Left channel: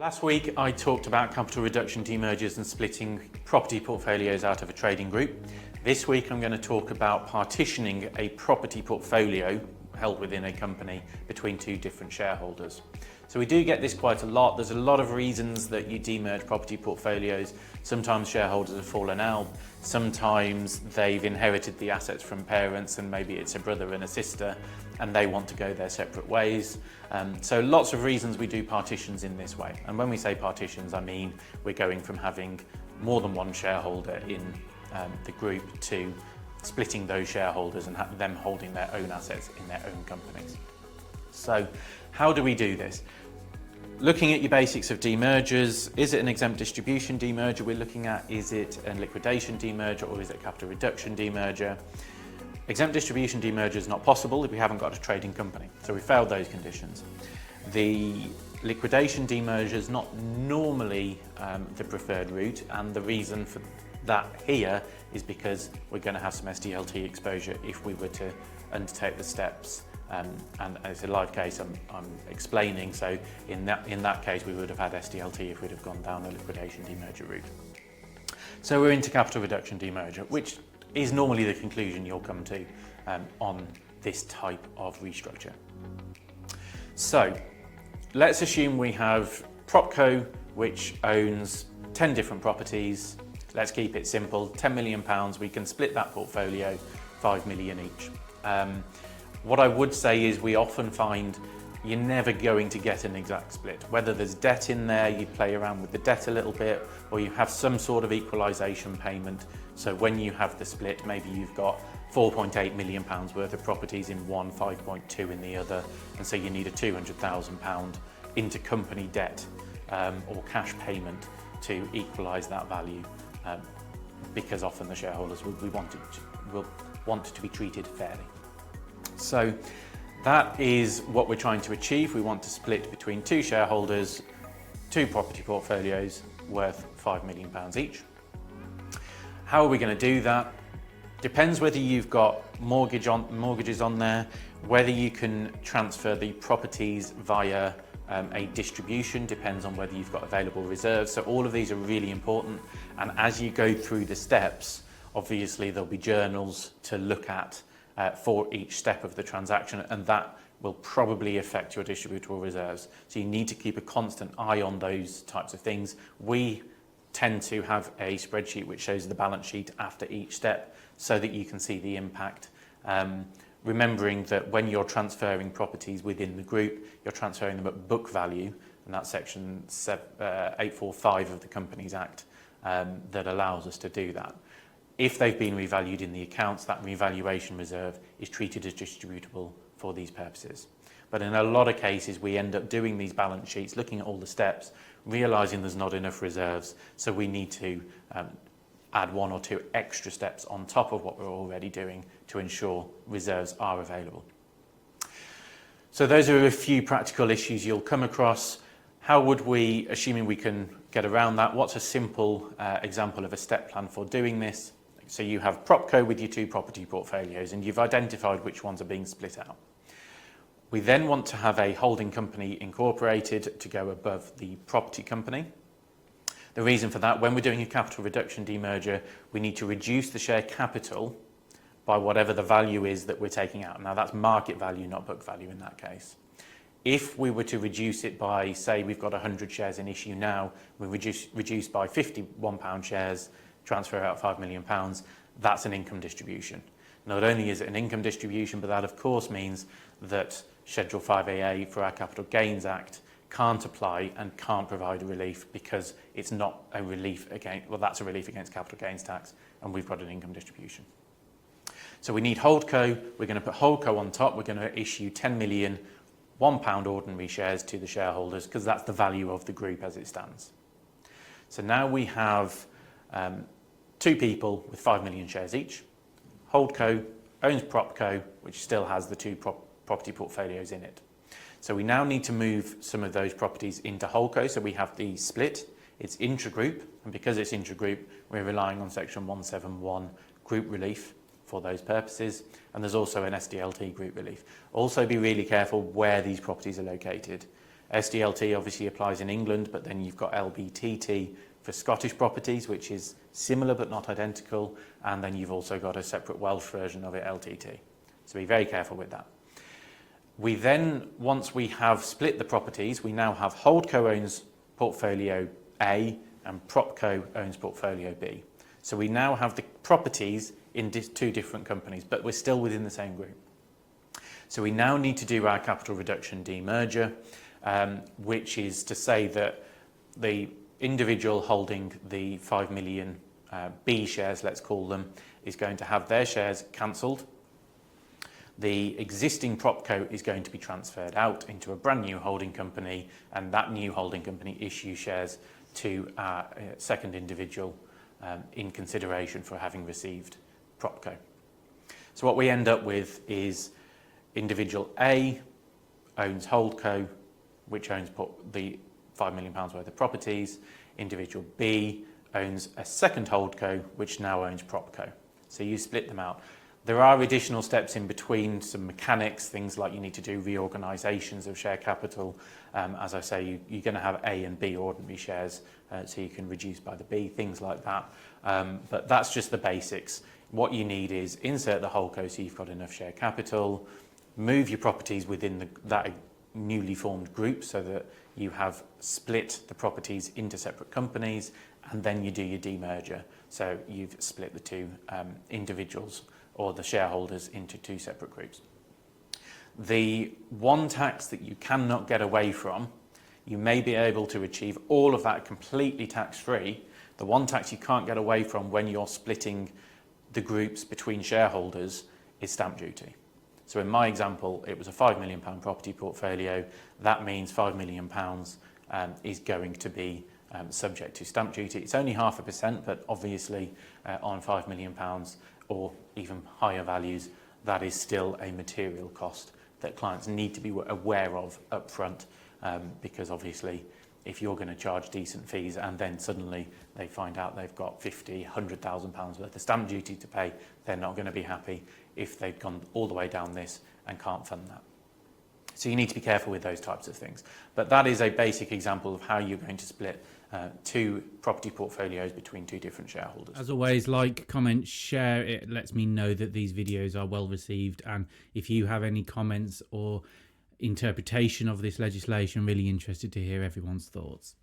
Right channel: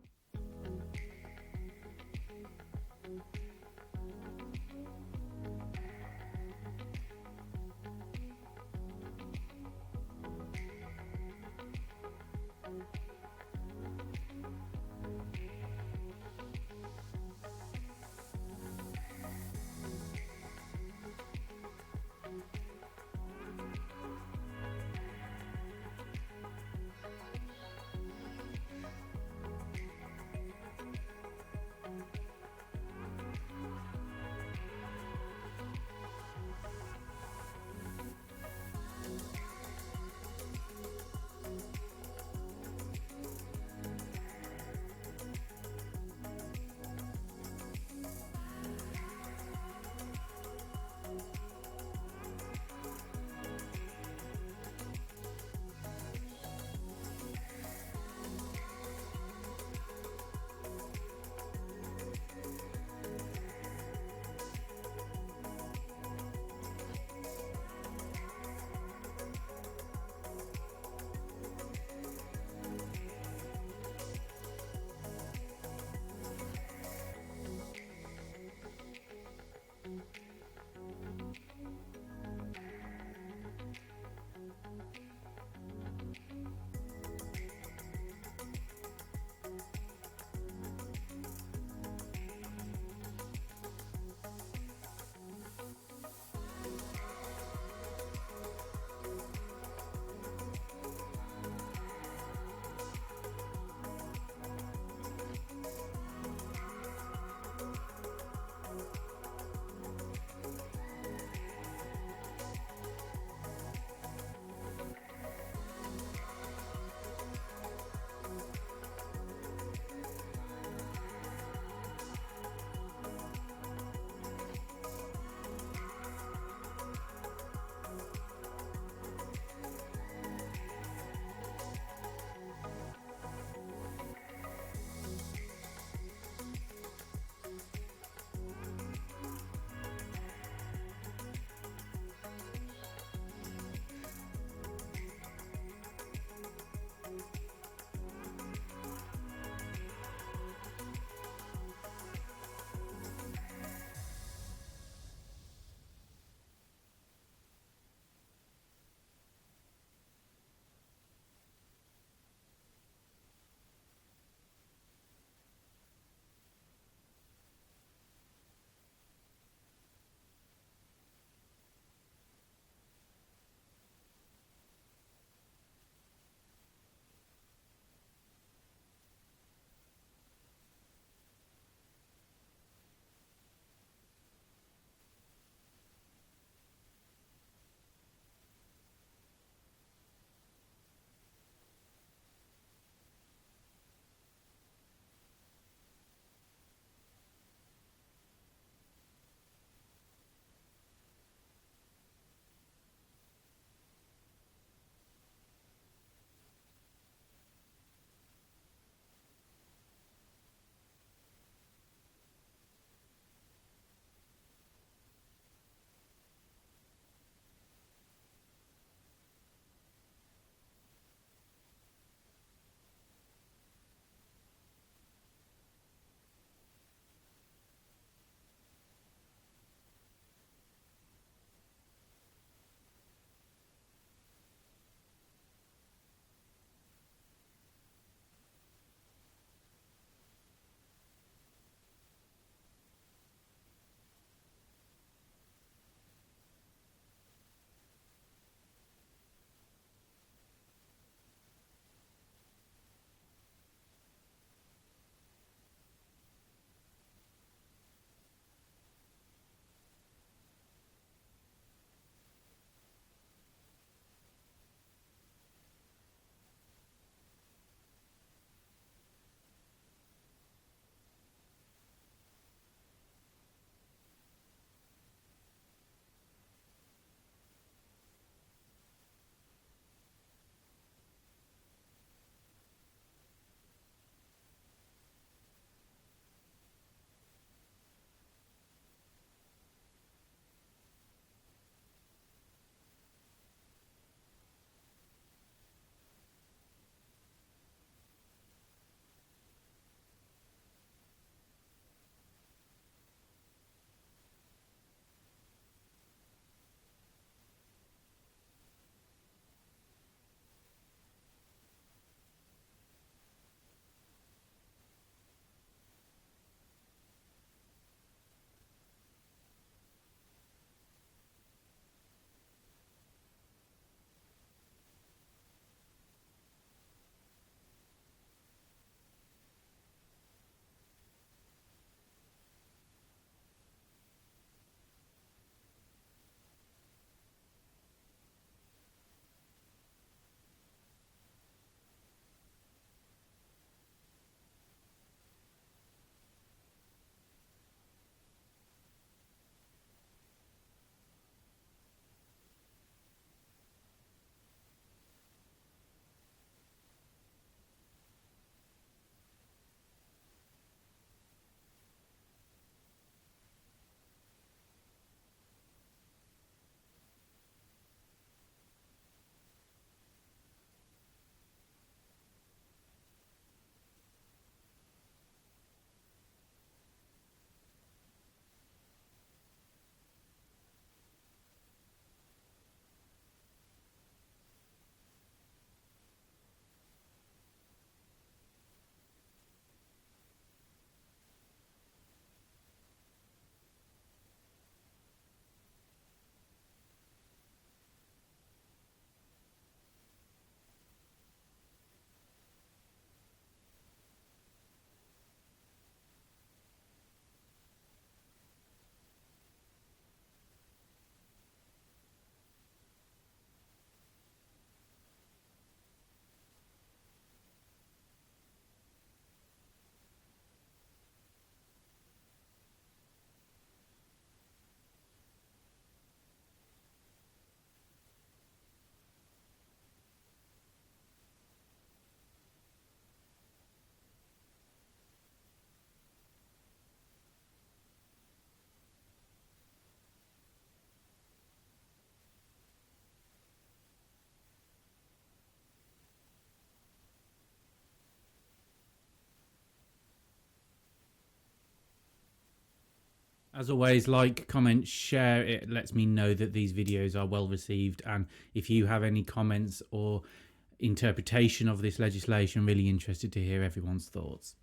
Last week I talked about capital reduction, demergers and splitting property portfolios out of a trading group. This week I'm going to talk about partitioning a property portfolio held within a company between two different shareholders. So we do get this quite a lot. There's a lot of reasons that you demerge property portfolios. Sometimes shareholders have fallen out, sometimes they've inherited the assets from parents and maybe it's a brother and a sister and they want to go their separate ways. So lots of reasons we do partitions in this way. And when we say partitions, I mean we're going from having more than one shareholder in the group to splitting those shareholders and them holding their own assets in their own companies. So how do we do this? Looking at your basics of demergers, is it an exempt distribution demerger we're looking at? Is it a liquidation demerger or is it a capital reduction demerger? Exempt distribution demerger is not possible if we haven't got a trading company, so we failed those conditions. The liquidation demerger is not normally the preferred route, and the reason for that here is because we're going to have some SDLT exposure if we were to undertake the steps. And it's a live case I'm explaining, so in that case we would have had SDLT if we'd have gone down the liquidation demerger route. So we're into capital reduction demerger, which is normally the conclusion you'll come to on this type of restructure. So let's assume we have PropCo, which owns 10 different properties. Let's keep it simple, £10 million, we can split that portfolio 5 million each. What I would say is we often find you're never going to get an exact split. Whether there's debt in there, you play around with the debt a little bit, or you have some sort of equalisation payment. So when you have the split, maybe you've got £4.8 million worth of properties in one, 5.2 in the other, and so you need a £200,000 intercompany debt or cash payment to equalise that value, because often the shareholders will want it to be treated fairly. So that is what we're trying to achieve. We want to split between two shareholders, two property portfolios worth £5 million each. How are we going to do that? Depends whether you've got mortgages on there, whether you can transfer the properties via a distribution, depends on whether you've got available reserves. So all of these are really important, and as you go through the steps, obviously there'll be journals to look at for each step of the transaction, and that will probably affect your distributable reserves. So you need to keep a constant eye on those types of things. We tend to have a spreadsheet which shows the balance sheet after each step so that you can see the impact. Remembering that when you're transferring properties within the group, you're transferring them at book value, and that's section 845 of the Companies Act that allows us to do that. If they've been revalued in the accounts, that revaluation reserve is treated as distributable for these purposes. But in a lot of cases, we end up doing these balance sheets, looking at all the steps, realising there's not enough reserves, so we need to add one or two extra steps on top of what we're already doing to ensure reserves are available. So those are a few practical issues you'll come across. How would we, assuming we can get around that, what's a simple example of a step plan for doing this? So you have PropCo with your two property portfolios and you've identified which ones are being split out. We then want to have a holding company incorporated to go above the property company. The reason for that, when we're doing a capital reduction demerger, we need to reduce the share capital by whatever the value is that we're taking out. Now that's market value, not book value in that case. If we were to reduce it by, say we've got 100 shares in issue now, we reduce by £51 shares, transfer out £5 million, that's an income distribution. Not only is it an income distribution, but that of course means that Schedule 5AA for our Capital Gains Act can't apply and can't provide a relief because it's not a relief against, well, that's a relief against capital gains tax, and we've got an income distribution. So we need Holdco. We're going to put Holdco on top. We're going to issue 10 million £1 ordinary shares to the shareholders because that's the value of the group as it stands. So now we have two people with 5 million shares each. Holdco owns PropCo, which still has the two property portfolios in it. So we now need to move some of those properties into Holdco. So we have the split, it's intra-group, and because it's intra-group, we're relying on section 171 group relief for those purposes, and there's also an SDLT group relief. Also be really careful where these properties are located. SDLT obviously applies in England, but then you've got LBTT for Scottish properties, which is similar but not identical, and then you've also got a separate Welsh version of it, LTT. So be very careful with that. We then, once we have split the properties, we now have Holdco owns portfolio A and PropCo owns portfolio B. So we now have the properties in two different companies, but we're still within the same group. So we now need to do our capital reduction demerger, which is to say that the individual holding the 5 million B shares, let's call them, is going to have their shares cancelled. The existing PropCo is going to be transferred out into a brand new holding company, and that new holding company issues shares to our second individual in consideration for having received PropCo. So what we end up with is individual A owns Holdco, which owns the £5 million worth of properties. Individual B owns a second Holdco, which now owns PropCo. So you split them out. There are additional steps in between, some mechanics, things like you need to do reorganisations of share capital. As I say, you're going to have A and B ordinary shares, so you can reduce by the B, things like that. But that's just the basics. What you need is insert the Holdco so you've got enough share capital, move your properties within that newly formed group so that you have split the properties into separate companies, and then you do your demerger. So you've split the two individuals or the shareholders into two separate groups. The one tax that you cannot get away from, you may be able to achieve all of that completely tax-free. The one tax you can't get away from when you're splitting the groups between shareholders is stamp duty. So in my example, it was a £5 million property portfolio. That means £5 million is going to be subject to stamp duty. It's only 0.5%, but obviously on £5 million or even higher values, that is still a material cost that clients need to be aware of up front, because obviously if you're going to charge decent fees and then suddenly they find out they've got £50,000, £100,000 worth of stamp duty to pay, they're not going to be happy if they've gone all the way down this and can't fund that. So you need to be careful with those types of things. But that is a basic example of how you're going to split two property portfolios between two different shareholders. As always, like, comment, share. It lets me know that these videos are well received, and if you have any comments or interpretation of this legislation, really interested to hear everyone's thoughts.